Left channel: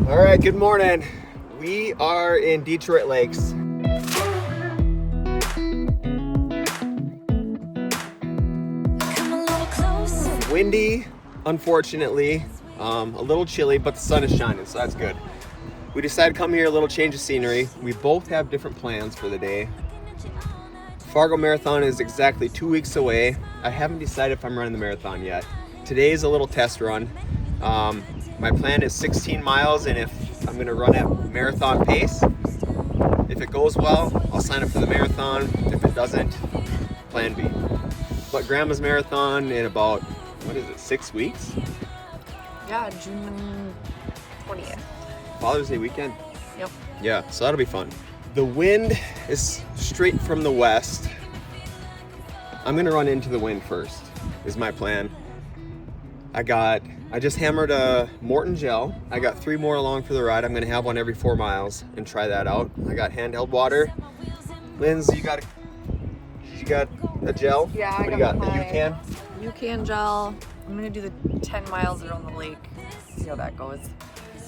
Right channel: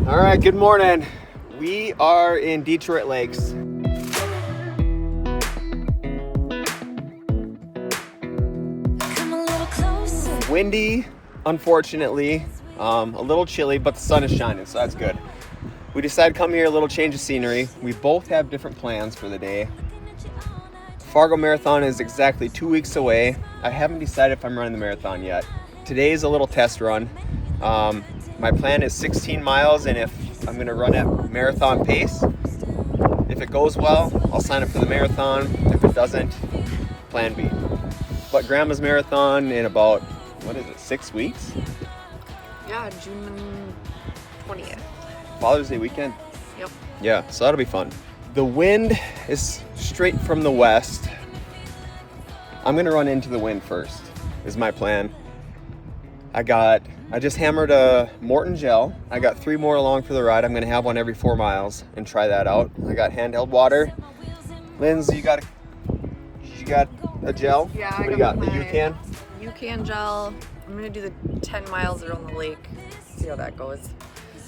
All right, good morning. We are in Detroit Lakes. Windy, unfortunately, a little chilly, but the sun is shining, so that's good. We decided to come here, a little change of scenery. We both have different plans for the day. Fargo Marathon is exactly 2 weeks away. I haven't decided if I'm running the marathon yet. Today is a little test run. My plan is 16 miles, and if I'm gonna run at marathon pace, if it goes well, I'll sign up for the marathon. If it doesn't, plan B. But Grandma's marathon in about, 6 weeks? Yeah, June 20th. Father's Day weekend? Yep. Yeah, so that'll be fun. The wind is straight from the west. I'm gonna run into the wind first, is my plan. I just hammered a Maurten gel. I got 3 more along for the ride. I'm gonna have one every 4 miles and try that out. I got handheld water. Lindsay, you got a gel? Yeah, what do you got? The UCAN? UCAN gel. I'm gonna do the 10 miles around the lake. See how that goes.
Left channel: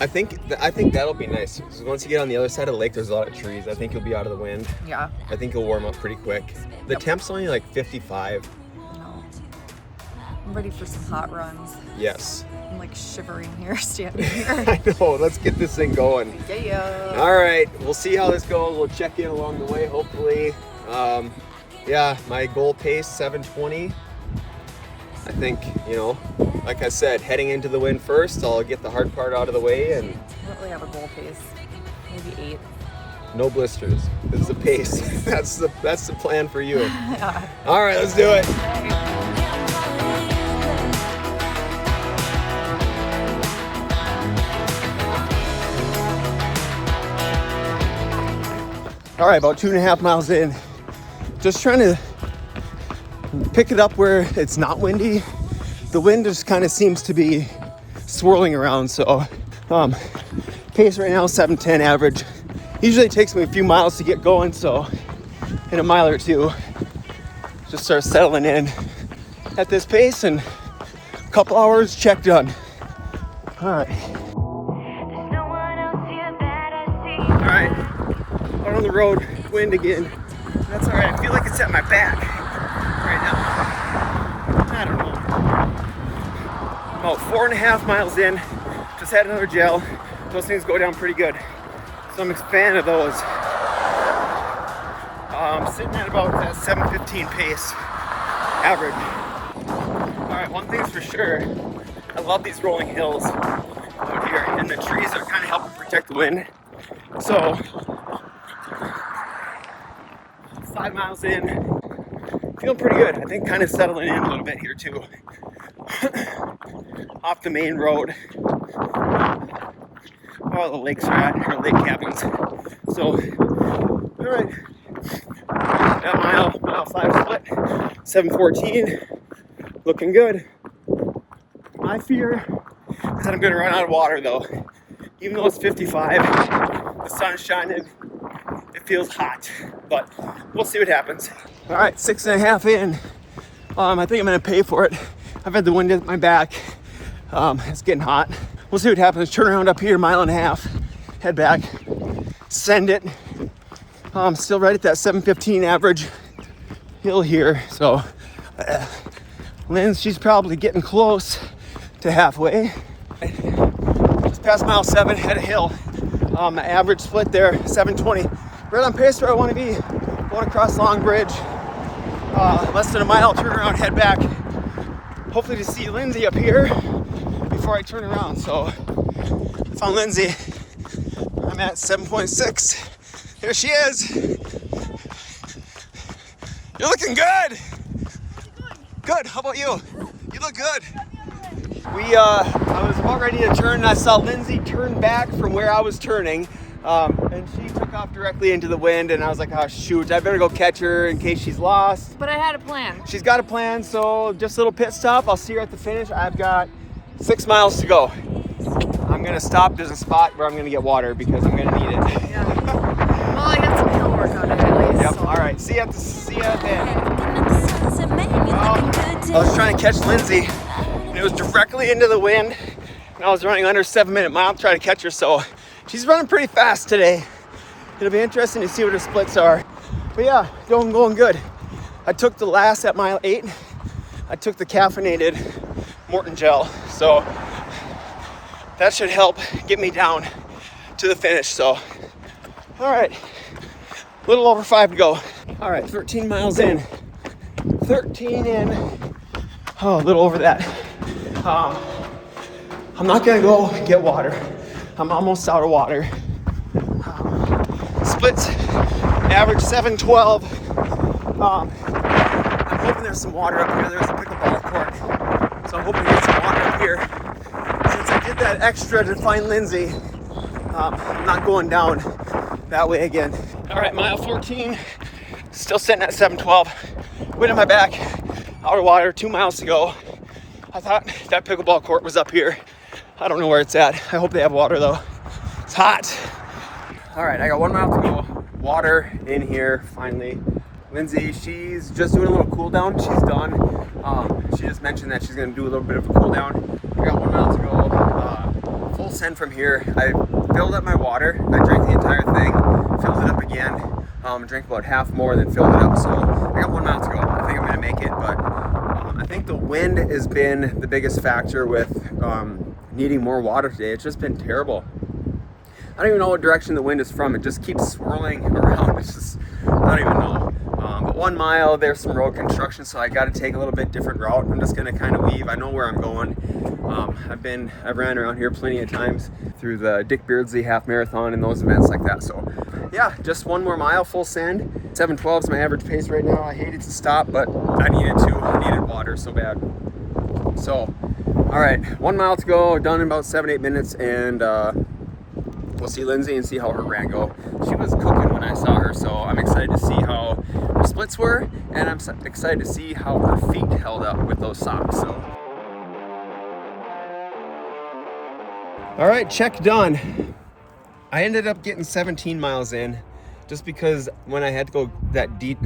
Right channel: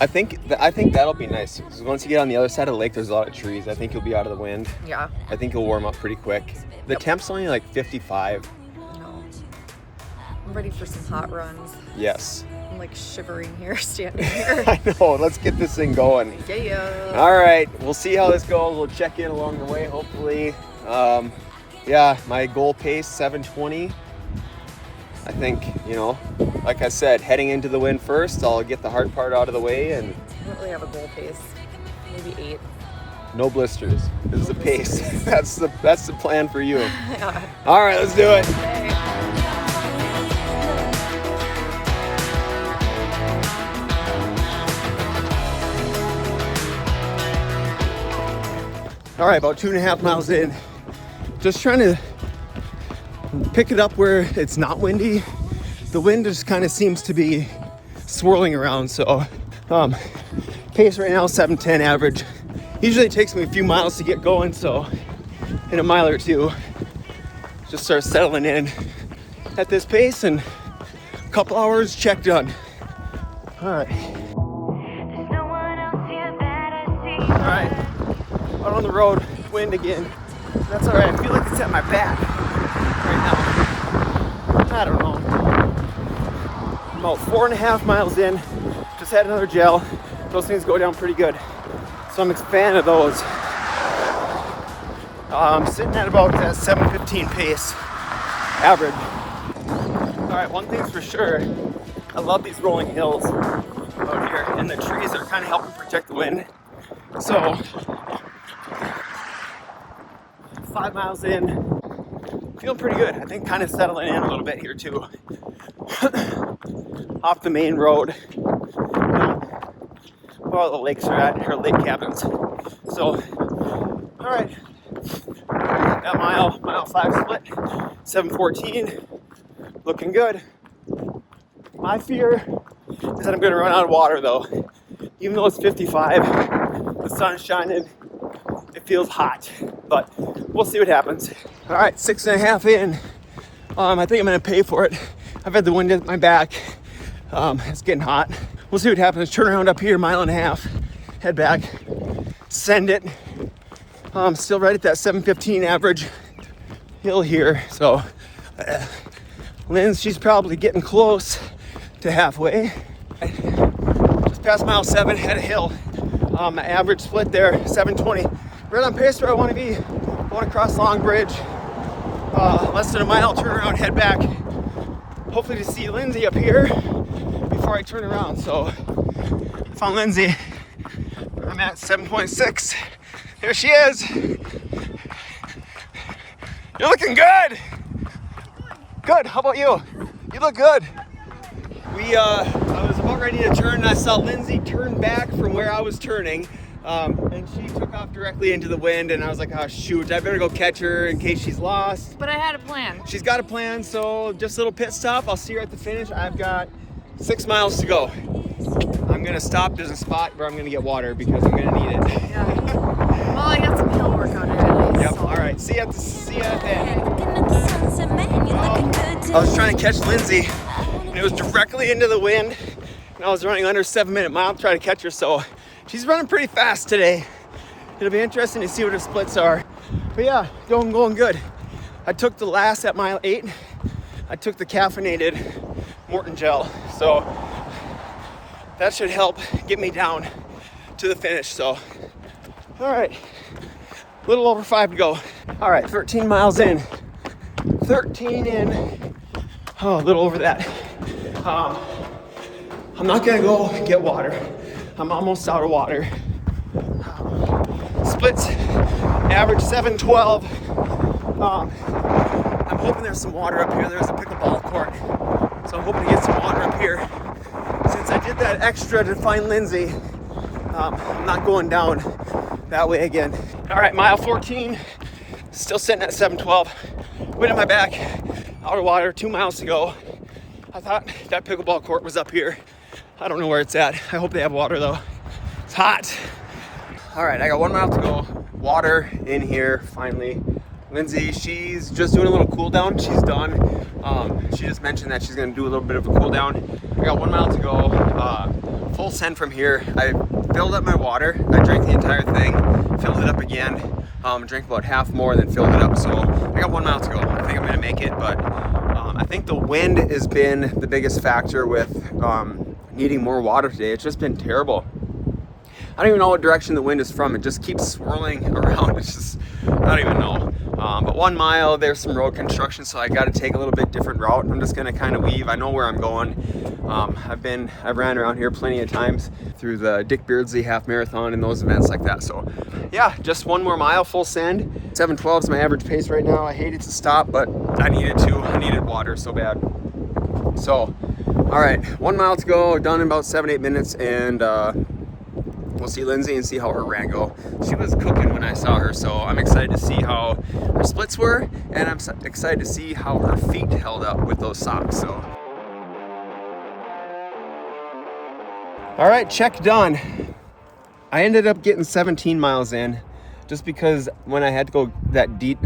I think that'll be nice. Because once you get on the other side of the lake, there's a lot of trees. I think you'll be out of the wind. Yeah. I think you'll warm up pretty quick. The temp's only like 55. No. I'm ready for some hot runs. Yes. I'm like shivering here, standing here. I know. Let's get this thing going. Yeah. All right. We'll see how this goes. We'll check in along the way, hopefully. Yeah, my goal pace, 7:20. I think, like I said, heading into the wind first, I'll get the hard part out of the way and I don't really have a goal pace. Maybe 8. no blisters. This is the pace. That's the plan for you. Yeah. All right, let's do it. Okay. All right, about 2.5 miles in. Just trying to pick it up where it's not windy. The wind just kind of seems to be swirling around. So, case right now, 7:10 average. Usually it takes me a few miles to get going. So, in a mile or two, to start settling in at this pace, and a couple hours, check done. All right. All right, out on the road, wind again. That's all right. I feel like it's at my back right now. I don't know. About 4.5 miles in. Just had another gel. Those things go down pretty good. So I'm a fan of those. I'm sitting at about that 7:15 pace average. All right, one thing's for sure. I love these rolling hills out here, and the trees are kind of helping protect the wind. So 5 miles in, feeling pretty good. I think kind of settling in a little bit here too. Off the main road, where all the lakes are at, or lake cabins. So, all right, now mile 5 split, 7:14, looking good. My fear is that I'm gonna run out of water though. Even though it's 55, the sun is shining, it feels hot, but we'll see what happens. All right, 6.5 in. I think I'm gonna pay for it. I've had the wind at my back. It's getting hot. We'll see what happens. Turn around up here, 1.5 miles, head back, send it. Still right at that 7:15 average hill here. So, Lynn, she's probably getting close to halfway. Just past mile 7, had a hill. Average split there, 7:20. Right on pace where I want to be. I want to cross Long Bridge. Less than a mile, turn around, head back. Hopefully to see Lindsay up here before I turn around. So, found Lindsay. I'm at 7.6. There she is. You're looking good. Good. How about you? You look good. I was about ready to turn, and I saw Lindsay turn back from where I was turning. And she took off directly into the wind, and I was like, oh shoot, I better go catch her in case she's lost. But I had a plan. She's got a plan, so just a little pit stop. I'll see her at the finish. I've got 6 miles to go. I'm gonna stop. There's a spot where I'm gonna get water because I'm gonna need it. Yeah. Well, I got some hill work on it. Yep, all right. See you at the end. I was trying to catch Lindsay, and it was directly into the wind. and I was running under 7-minute mile to try to catch her. So she's running pretty fast today. It'll be interesting to see what her splits are. But yeah, going good. I took the last at mile 8. I took the caffeinated Maurten gel. So that should help get me down to the finish. So, all right, a little over 5 to go. All right, 13 miles in, 13 in. Oh, a little over that. I'm not gonna go get water. I'm almost out of water. Splits average 7:12. I'm hoping there's some water up here. There's a pickleball court, so I'm hoping to get some water up here. Since I did that extra to find Lindsay, I'm not going down that way again. All right, mile 14, still sitting at 7:12. Wind in my back, out of water, 2 miles to go. I thought that pickleball court was up here. I don't know where it's at. I hope they have water though. It's hot. All right, I got 1 mile to go. Water in here, finally. Lindsay, she's just doing a little cool down. She's done. She just mentioned that she's gonna do a little bit of a cool down. I got 1 mile to go. Full send from here. I filled up my water. I drank the entire thing, filled it up again. Drank about half more, then filled it up. So I got 1 mile to go. I think I'm gonna make it, but I think the wind has been the biggest factor with needing more water today. It's just been terrible. I don't even know what direction the wind is from. It just keeps swirling around. It's just, I don't even know. But 1 mile, there's some road construction, so I got to take a little bit different route. I'm just gonna kind of weave. I know where I'm going. I've ran around here plenty of times through the Dick Beardsley half marathon and those events like that. So yeah, just 1 more mile, full send. 7:12 is my average pace right now. I hated to stop, but I needed to. I needed water so bad. So, all right, 1 mile to go, done in about 7-8 minutes, and we'll see Lindsay and see how her ran go. She was cooking when I saw her, so I'm excited to see how her splits were, and I'm excited to see how her feet held up with those socks. So, all right, check done. I ended up getting 17 miles in, just because when I had to go that deep.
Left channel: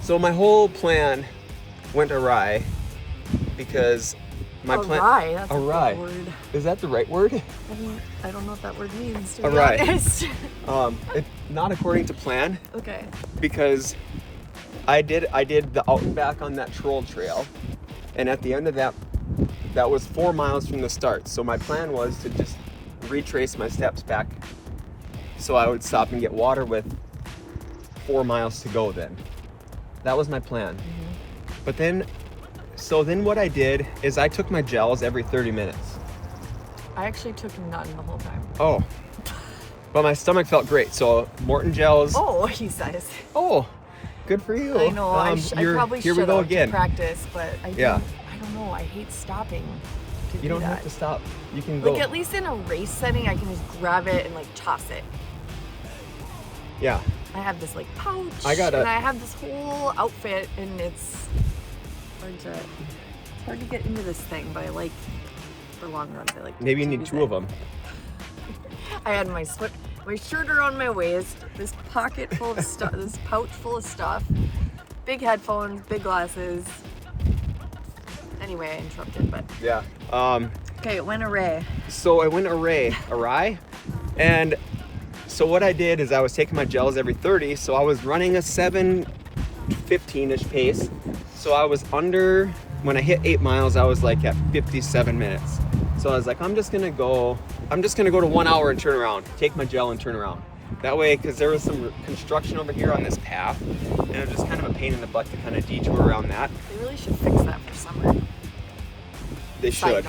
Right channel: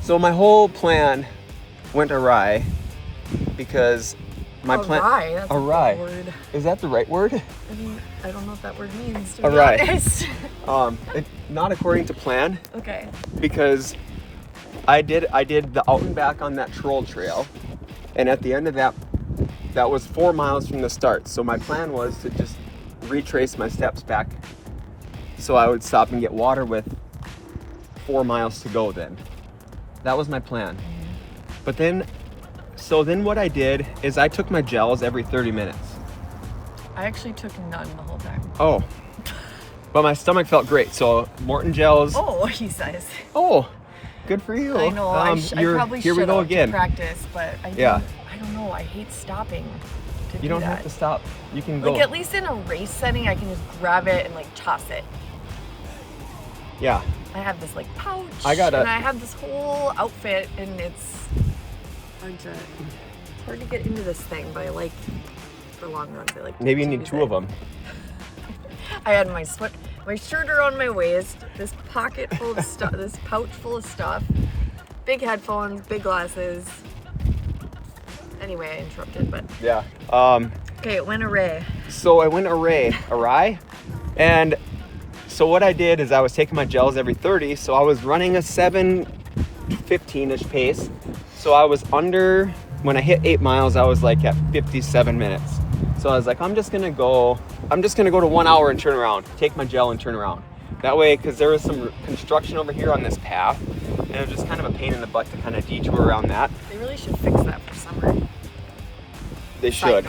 So my whole plan went awry because my plan. Awry? That's awry. a good word. Is that the right word? I don't know what that word means, to be Awry. honest. Not according to plan. Okay. Because I did the out and back on that troll trail, and at the end of that was 4 miles from the start. So my plan was to just retrace my steps back, so I would stop and get water with 4 miles to go. Then that was my plan. Mm-hmm. But then what I did is I took my gels every 30 minutes. I actually took none the whole time. Oh. But my stomach felt great. So Maurten gels. Oh, he says. Oh, good for you. I know. I probably should have to practice, but I don't know. I hate stopping to do that. You don't have to stop. You can go. Like, at least in a race setting, I can just grab it and like toss it. Yeah. I have this like pouch. And I have this whole outfit, and it's hard to get into this thing, but I like, for long runs, I like. Maybe you need 2 of them. I had my shirt around my waist, this pocket full of stuff, this pouch full of stuff, big headphones, big glasses. Anyway, I interrupted, but yeah. Okay, it went awry. So I went awry, and so what I did is I was taking my gels every 30, so I was running a 7:15-ish pace. So I was under, when I hit 8 miles, I was like at 57 minutes. So I was like, I'm just gonna go to 1 hour and turn around, take my gel and turn around. That way, because there was some construction over here on this path, and it was just kind of a pain in the butt to kind of detour around that. They really should fix that for summer. They should.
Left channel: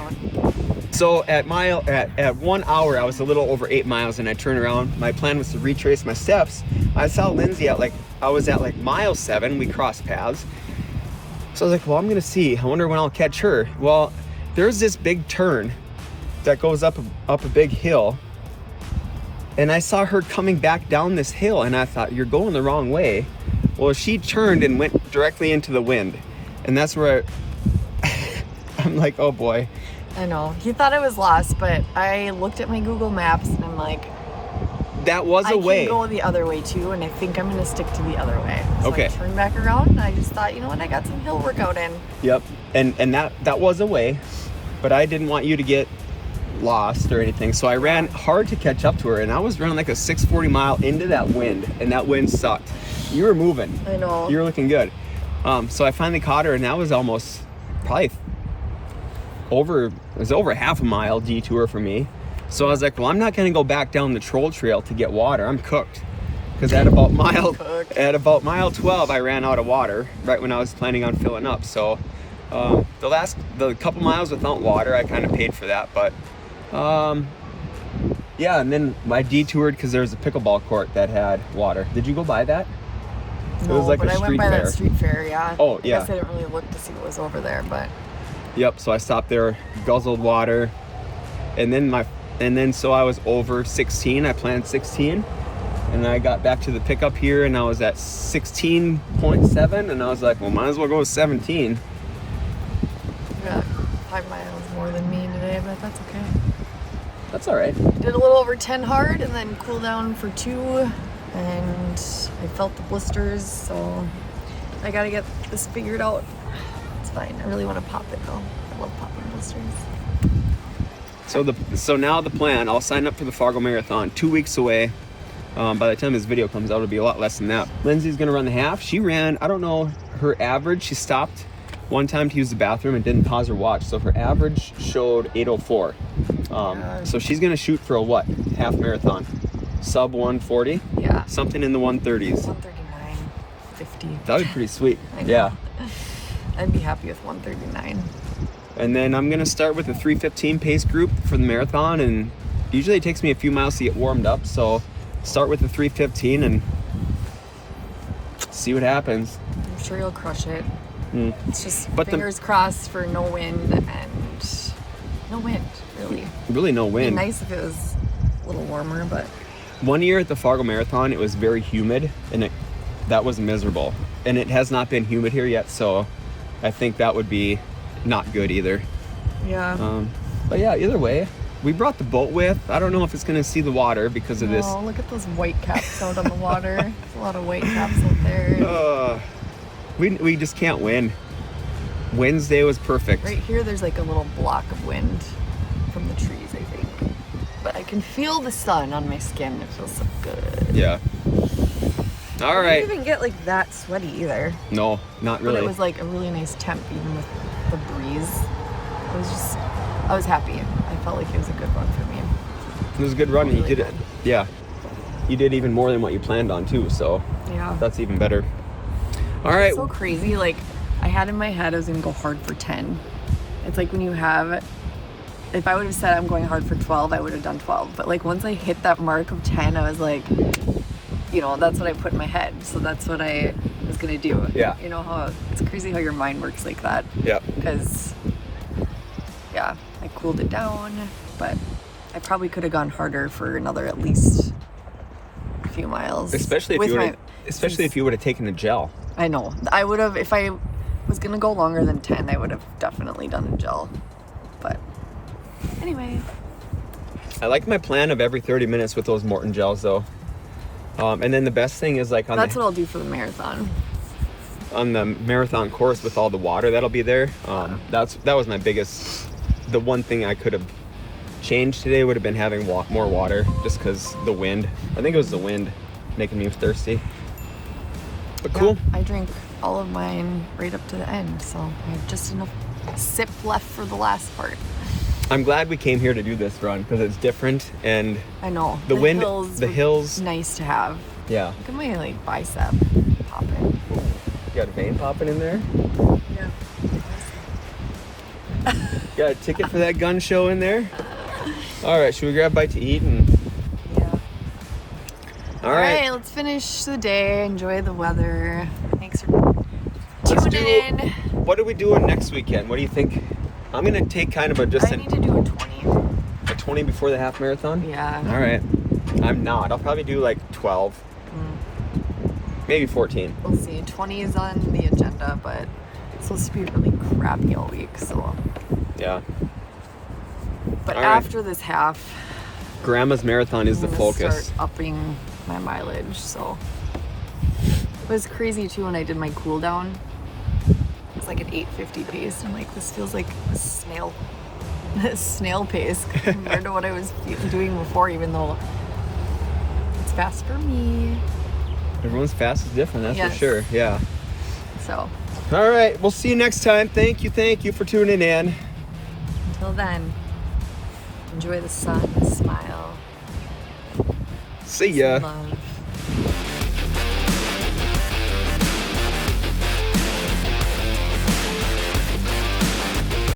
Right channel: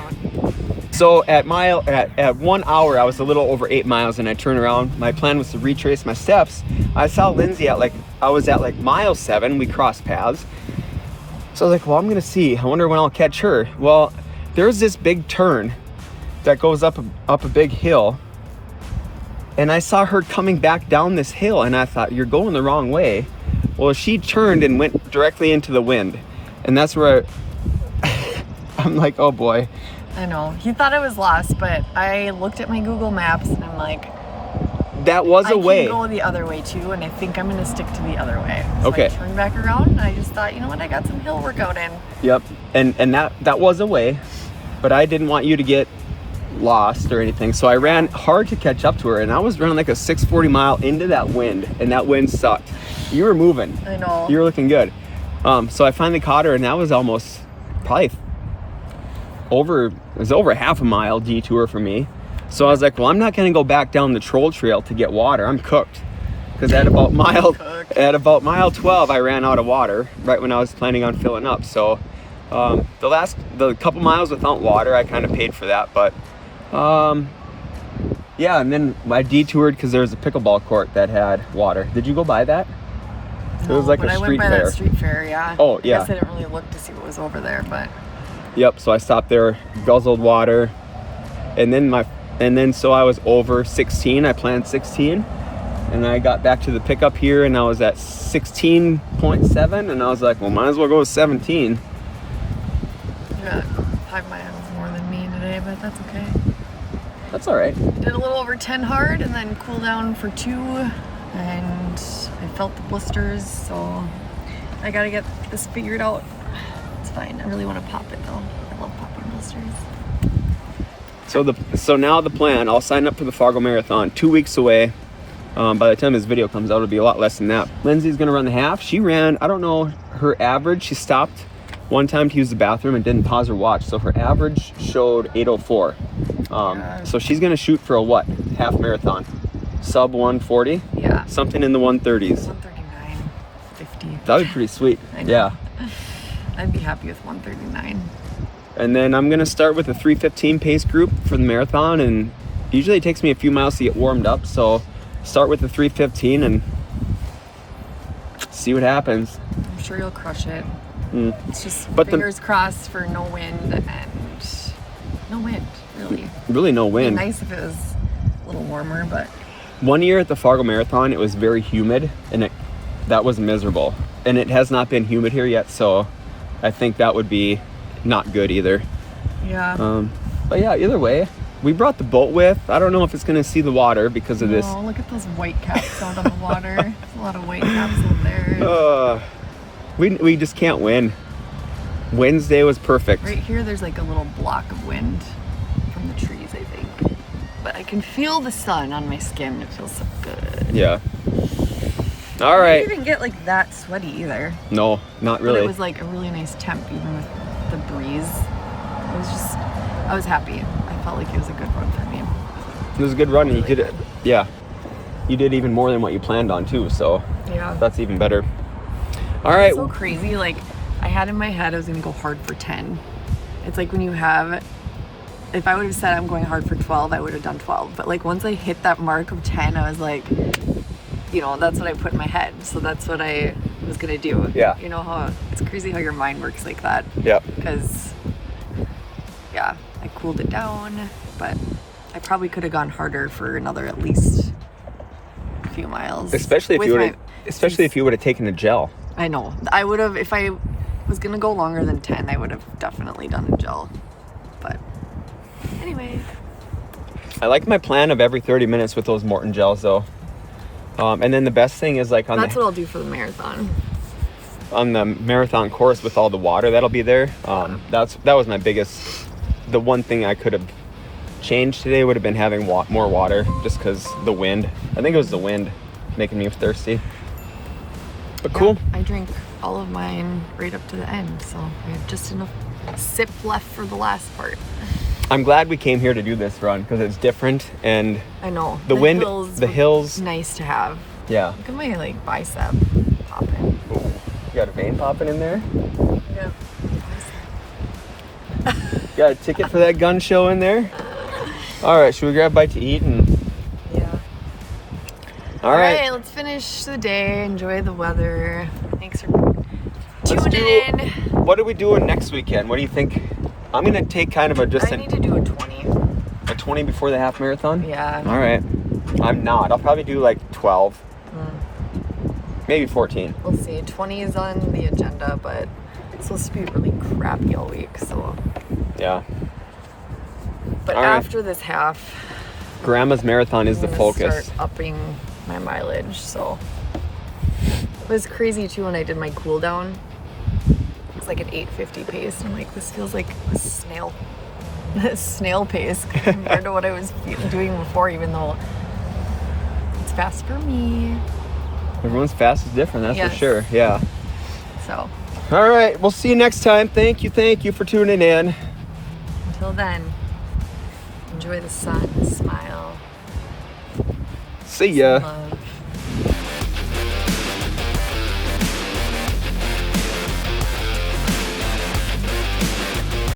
So at 1 hour, I was a little over 8 miles, and I turned around. My plan was to retrace my steps. I saw Lindsay I was at mile 7. We crossed paths. So I was like, well, I'm gonna see. I wonder when I'll catch her. Well, there's this big turn that goes up a big hill, and I saw her coming back down this hill, and I thought, you're going the wrong way. Well, she turned and went directly into the wind, and that's where I'm like, oh boy. I know. He thought I was lost, but I looked at my Google Maps, and I'm like, that was a way. I can go the other way too, and I think I'm gonna stick to the other way. So okay. I turned back around, and I just thought, you know what, I got some hill workout in. Yep, and that was a way, but I didn't want you to get lost or anything. So I ran hard to catch up to her, and I was running like a 6:40 mile into that wind, and that wind sucked. You were moving. I know. You were looking good. So I finally caught her, and that was almost probably over half a mile detour for me. So I was like, well, I'm not going to go back down the troll trail to get water. I'm cooked. Because at about mile 12, I ran out of water right when I was planning on filling up. So the couple miles without water, I kind of paid for that. But yeah, and then I detoured because there was a pickleball court that had water. Did you go by that? No, it was like but a I went by fair. that street fair, yeah. Oh, yeah. I guess I didn't really look to see what was over there, but. Yep. So I stopped there, guzzled water, and then so I was over 16. I planned 16, and I got back to the pickup here, and I was at 16.7, and I was like, well, might as well go with 17. Yeah, 5 miles more than me today, but that's okay. That's all right. Did a little over 10 hard, and then cool down for 2, and I felt the blisters, so I gotta get this figured out. It's fine. I really want to pop it though. I love popping blisters. So now the plan, I'll sign up for the Fargo Marathon 2 weeks away. By the time this video comes out, it'll be a lot less than that. Lindsay's gonna run the half. She ran, I don't know, her average, she stopped one time to use the bathroom and didn't pause her watch. So her average showed 8:04. So she's gonna shoot for a what? Half marathon. Sub 140? Yeah. Something in the 130s. 139.50. That would be pretty sweet. I know. Yeah. I'd be happy with 139. And then I'm gonna start with a 3:15 pace group for the marathon, and usually it takes me a few miles to get warmed up, so start with the 3:15 and see what happens. I'm sure you'll crush it. It's just But fingers crossed for no wind and no wind, really. Really no It'd wind. be nice if it was a little warmer, but One year at the Fargo Marathon, it was very humid, and that was miserable. And it has not been humid here yet, so I think that would be not good either. yeah. But yeah, either way, we brought the boat with. I don't know if it's gonna see the water because of this. Oh, look at those white caps out on the water. There's a lot of white caps out there. We just can't win. Wednesday was perfect. Right here, there's like a little block of wind from the trees, I think. But I can feel the sun on my skin. It feels so good. Yeah. All I right. didn't even get like that sweaty either. No, not really. But it was like a really nice temp, even with the breeze. I was happy. I felt like it was a good run for me. It was a good run. Really You did it. good. Yeah. You did even more than what you planned on too, so Yeah. that's even better. All right. It's so crazy. Like, I had in my head I was gonna go hard for 10. It's like when you have, if I would have said I'm going hard for 12, I would have done 12. But like once I hit that mark of 10, I was like, you know, that's what I put in my head. So that's what I was gonna do. Yeah. You know how it's crazy how your mind works like that. Yeah. Because, yeah, I cooled it down, but I probably could have gone harder for another at least a few miles. Especially if you would have taken a gel. I know. I would have, if I was going to go longer than 10, I would have definitely done a gel. But anyway. I like my plan of every 30 minutes with those Maurten gels though. And then the best thing is like That's what I'll do for the marathon. On the marathon course with all the water that'll be there. That was my biggest, the one thing I could have changed today would have been having more water just because the wind. I think it was the wind making me thirsty. But cool. Yeah, I drank all of mine right up to the end, so I have just enough sip left for the last part. I'm glad we came here to do this run because it's different, and I know. the hills. Nice to have. Yeah. Look at my like bicep popping. You got a vein popping in there? Yeah. Bicep. Got a ticket for that gun show in there? All right, should we grab a bite to eat? And Yeah. All right, let's finish the day. Enjoy the weather. Thanks for tuning in. What are we doing next weekend? What do you think? I'm gonna take kind of I need to do a 20. a 20 before the half marathon. Yeah. All right. I'm not. I'll probably do like 12, maybe 14. We'll see. 20 is on the agenda, but it's supposed to be really crappy all week. So. Yeah. But All right. after this half, Grandma's marathon is I'm the gonna focus. start upping my mileage. So it was crazy too when I did my cool down. It's like an 8:50 pace. I'm like, this feels like a snail. snail pace compared to what I was doing before, even though it's fast for me. Everyone's fast is different, that's Yes. for sure. Yeah. So All right, we'll see you next time. Thank you for tuning in. until then, enjoy the sun, smile, See ya. love.